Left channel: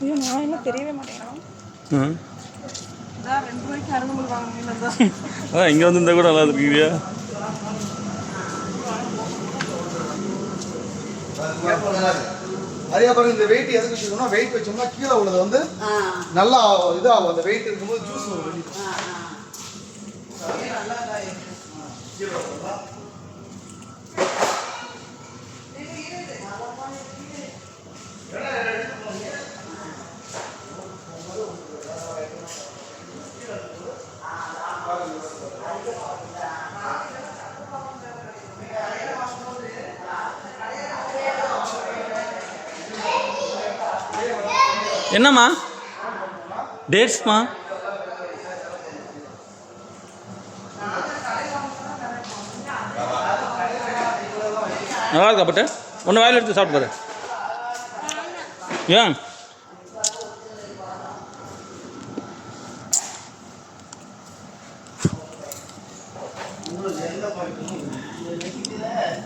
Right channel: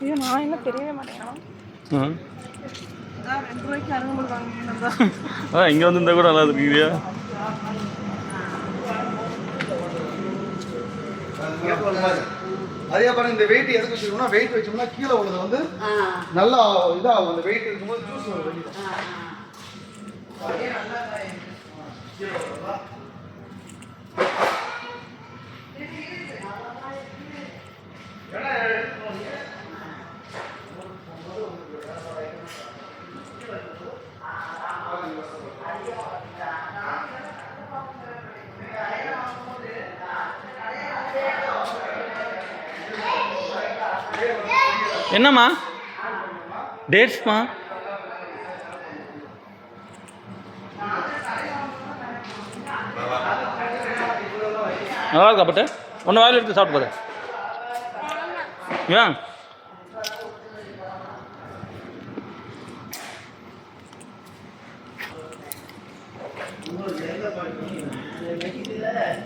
ஐயோ நான் என்ன தெரியவே மாட்டேங்கிறேன். ₹2 அருகம்புல் வாங்கினதா? இங்கே வந்து இந்த கூட நல்லா இருக்குறியா? அதே பாருங்க, இந்த வெயிட் எதுக்கு வச்சுக்கணும்னா, வெயிட் வச்சோம்னா கீழே உள்ளது வந்து நல்லா இதாகும். அந்த வெயிட் இருக்கும்போது ஜூஸ் வரும் வெளியே. என்னம்மா டேட்ஸ்மா? நல்லா இருக்கா பட்டு? ஒன்று வாயில் எடுத்து சாப்பிட்டு பாரு. ஏன்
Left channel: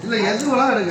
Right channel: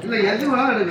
இல்லை எது வேணா எடுங்க.